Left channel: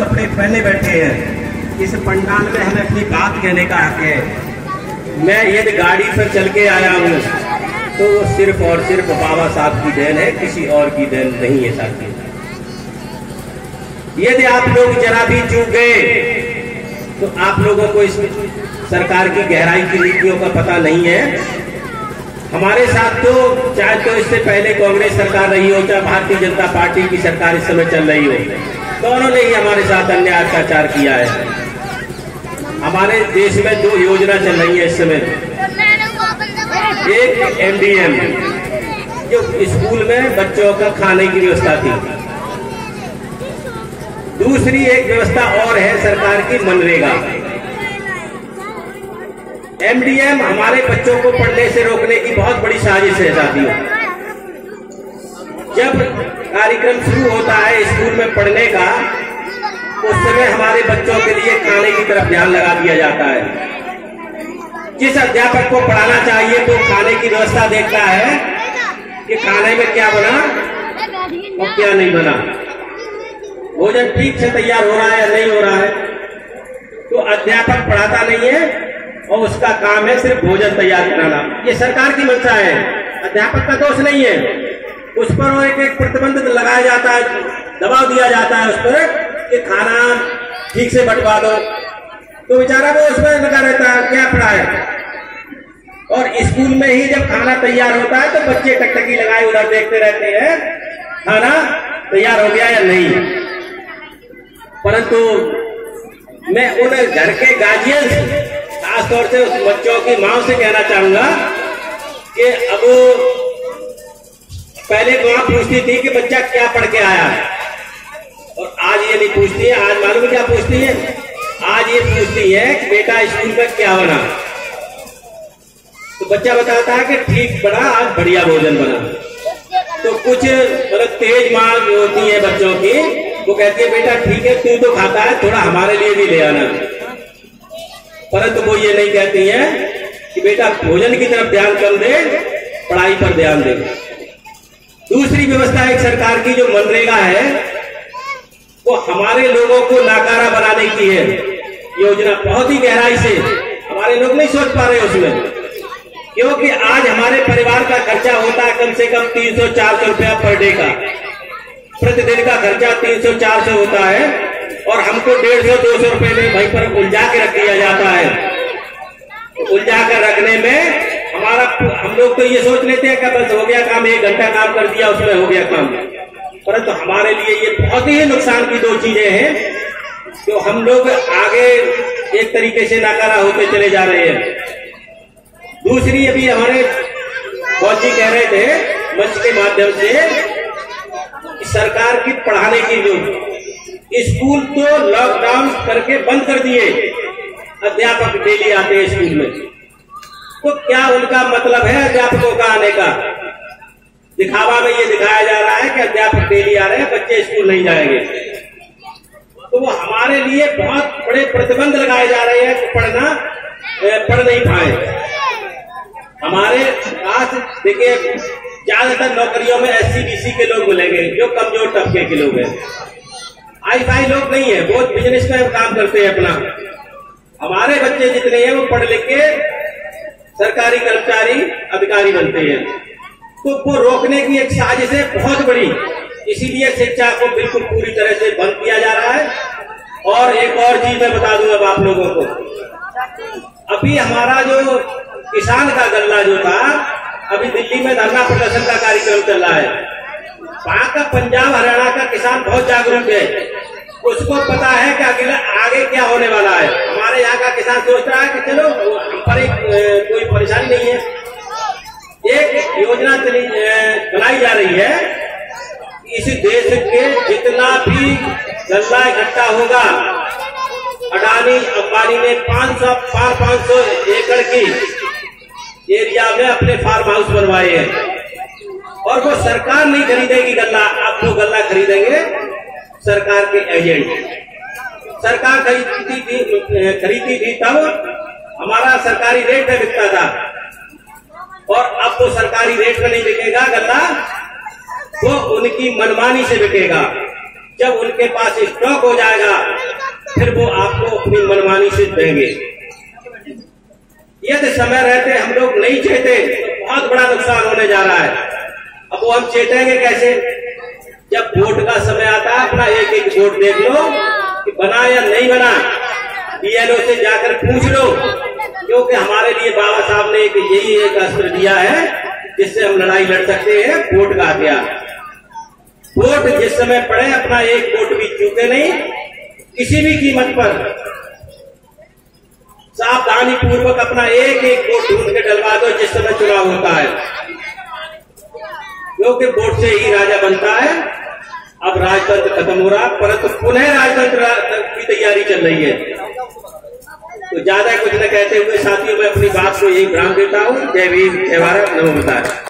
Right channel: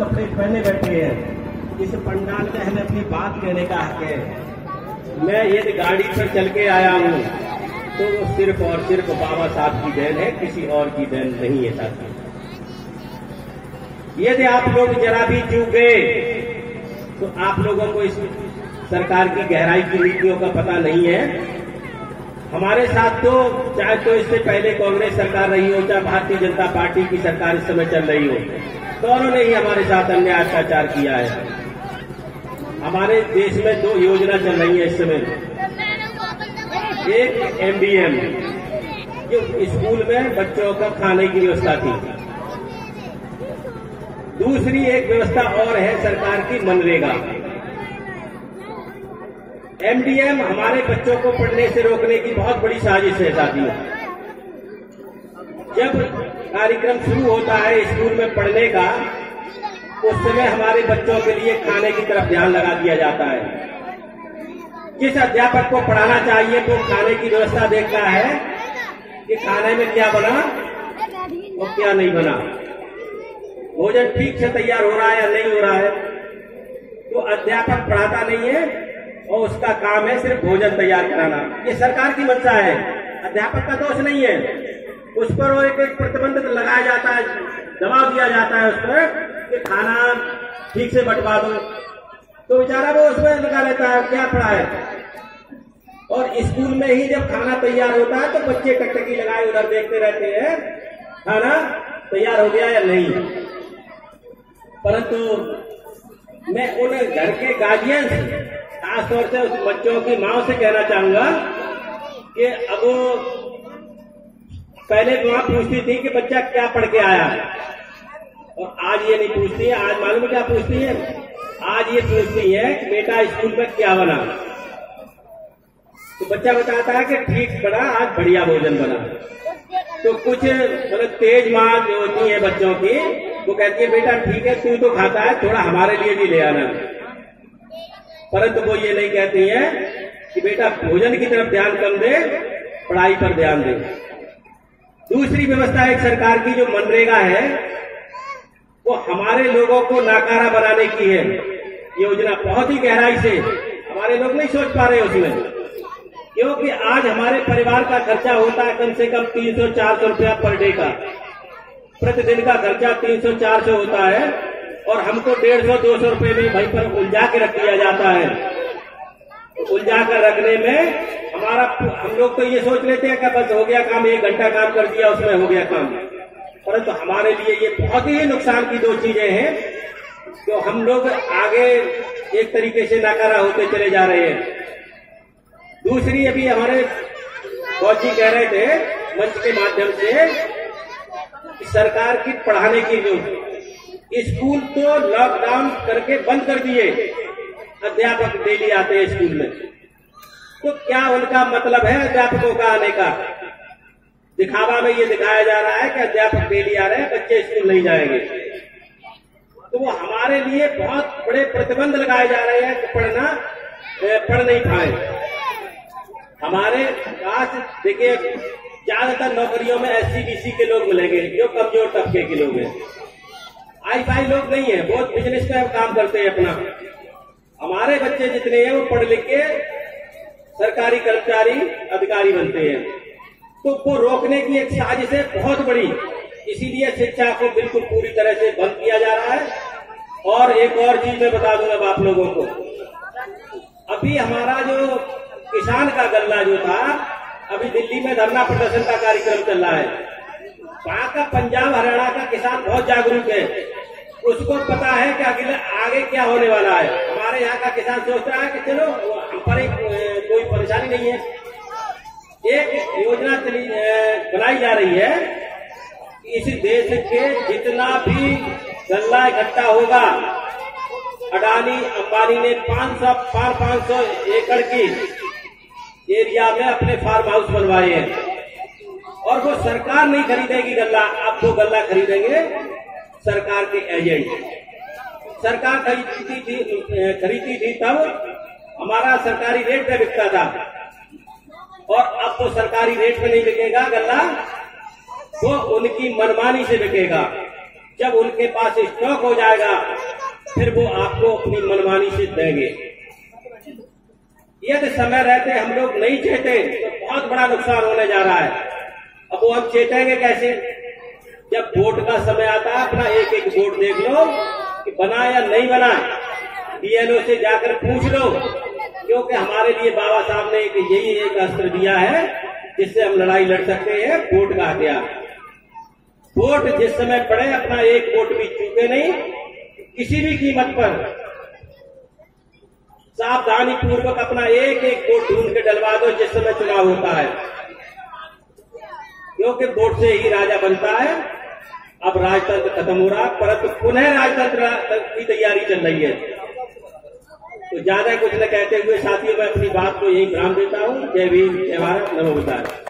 कपड़े पहने बैठे हैं। इस पंडाल में हमें अपनी बात कहने का हक है। मैं यदि गाड़ी पर चल के आया हूँ तो वो सिर्फ और सिर्फ बाबा साहब की देन है, किसी और की देन नहीं है साथी। यदि आप लोग जरा भी चूक गए तो आप लोगों को इस सरकार की गहराई की नीतियों का पता नहीं है। हमारे साथ तो चाहे तो इससे पहले कांग्रेस सरकार रही हो, चाहे भारतीय जनता पार्टी की सरकार इस समय चल रही हो, दोनों ने ही हमारे साथ अन्याय अत्याचार किया है। हमारे देश में 2 योजना चल रही है इस समय। एक MDM जो स्कूल में बच्चों का खाने की व्यवस्था थी, दूसरी एक व्यवस्था और है सरकार की मनरेगा। MDM हमारे बच्चों को पढ़ने से रोकने की बहुत बड़ी साजिश है साथियों। जब कार्यक्रम शुरू होता है स्कूल में पढ़ने का, उस समय हमारे बच्चों के लिए खाने की तरफ ध्यान लगा दिया जाता है। जिस अध्यापक को पढ़ाना चाहिए तो खाने की व्यवस्था देखता है कि खाने में क्या बना और क्या नहीं बना, भोजन ठीक से तैयार हो रहा है या नहीं हो रहा है। तो अध्यापक पढ़ाता नहीं है और उसका काम है सिर्फ भोजन तैयार कराना। ये सरकार की मंशा है, अध्यापक का दोष नहीं है। उस पर एक प्रतिबंध लगाया जाता है, दबाव दिया जाता है उस पर कि खाना ठीक से बंटवा दो, तो बेचारा वो उसमें लगा रहता है, क्या पढ़ा है। और स्कूल में ही जब खाना तैयार होता है तो बच्चे टकटकी लगाए उधर देखते रहते हैं खाना तैयार हो गया या नहीं। परंतु मैं उन घर के गार्जियन से, खासतौर से उस बच्चों की मां से कहना चाहूंगा कि अब पहले मां पूछती थी कि बच्चा क्या पढ़ के आया है, और आज ये नहीं पूछती है। आज मालूम क्या पूछती है? आज ये पूछती है कि बेटा स्कूल में क्या बना। तो बच्चा बताता है कि ठीक बना, आज बढ़िया भोजन बना। तो कुछ मतलब तेज माँ जो होती है बच्चों की, वो कहती है बेटा ठीक है तू तो खाता है, थोड़ा हमारे लिए भी ले आना। परंतु वो ये नहीं कहती है कि बेटा भोजन की तरफ ध्यान कम दे, पढ़ाई पर ध्यान दे। दूसरी व्यवस्था एक सरकार की जो मनरेगा है, वो हमारे लोगों को नाकारा बनाने की है योजना। बहुत ही गहराई से हमारे लोग नहीं सोच पा रहे उसमें, क्योंकि आज हमारे परिवार का खर्चा होता है कम से कम 300-400 रुपया पर डे का। प्रतिदिन का खर्चा 300-400 होता है और हमको 150-200 रुपए में भाई पर उलझा के रख दिया जाता है। उलझा कर रखने में हम लोग तो ये सोच लेते हैं कि बस हो गया काम, 1 घंटा काम कर दिया उसमें हो गया काम। परंतु हमारे लिए ये बहुत ही नुकसान की 2 चीजें हैं जो हम लोग आगे एक तरीके से नाकारा होते चले जा रहे हैं। दूसरी अभी हमारे बहुत जी कह रहे थे मंच के माध्यम से, सरकार की पढ़ाने की जो स्कूल तो लॉकडाउन करके बंद कर दिए, अध्यापक डेली आते हैं स्कूल में। तो क्या उनका मतलब है अध्यापकों का आने का? दिखावा में ये दिखाया जा रहा है कि अध्यापक डेली आ रहे हैं, बच्चे स्कूल नहीं जाएंगे। तो वो हमारे लिए बहुत बड़े प्रतिबंध लगाए जा रहे हैं कि पढ़ नहीं पाए। हमारे पास देखिए ज्यादातर नौकरियों में SC-BC के लोग मिलेंगे जो कमजोर तबके के लोग हैं। हाई-फाई लोग नहीं है, बहुत बिजनेस में काम करते हैं अपना। हमारे बच्चे जितने हैं वो पढ़ लिख के सरकारी कर्मचारी अधिकारी बनते हैं। तो वो रोकने की एक साजिश है बहुत बड़ी, इसीलिए शिक्षा को बिल्कुल पूरी तरह से बंद किया जा रहा है। और एक और चीज मैं बता दूं अब आप लोगों को, अभी हमारा जो किसान का गल्ला जो था, अभी दिल्ली में धरना प्रदर्शन का कार्यक्रम चल रहा है। वहां का पंजाब हरियाणा का किसान बहुत जागरूक है, उसको पता है कि आगे क्या होने वाला है। हमारे यहाँ का किसान सोच रहा है कि चलो हम पर कोई परेशानी नहीं है। एक योजना बनाई जा रही है, इस देश के जितना भी गल्ला इकट्ठा होगा, अडानी अंबानी ने 500 एकड़ की एरिया में अपने फार्म हाउस बनवाए हैं, और वो सरकार नहीं खरीदेगी गल्ला, अब वो गल्ला खरीदेंगे सरकार के एजेंट। सरकार खरीदी थी तब हमारा सरकारी रेट पे बिकता था, और अब तो सरकारी रेट में नहीं बिकेगा गल्ला, वो उनकी मनमानी से बिकेगा। जब उनके पास स्टॉक हो जाएगा फिर वो आपको अपनी मनमानी से देंगे। यदि समय रहते हम लोग नहीं चेते तो बहुत बड़ा नुकसान होने जा रहा है। अब वो हम चेतेंगे कैसे? जब वोट का समय आता है अपना एक एक वोट देख लो कि बना या नहीं बना, बीएलओ से जाकर पूछ लो, क्योंकि हमारे लिए बाबा साहब ने यही एक अस्त्र दिया है जिससे हम लड़ाई लड़ सकते हैं, वोट का हथियार। वोट जिस समय पड़े अपना एक वोट भी चूके नहीं, किसी भी कीमत पर सावधानी पूर्वक अपना एक एक वोट ढूंढ के डलवा दो जिस समय चुनाव होता है, क्योंकि वोट से ही राजा बनता है। अब राजतंत्र खत्म हो रहा, परंतु पुनः राजतंत्र की तैयारी चल रही है। तो ज्यादा कुछ न कहते हुए साथियों मैं अपनी बात को यही विराम देता हूँ। जय भीम, जय भारत, नमो बुद्धाय।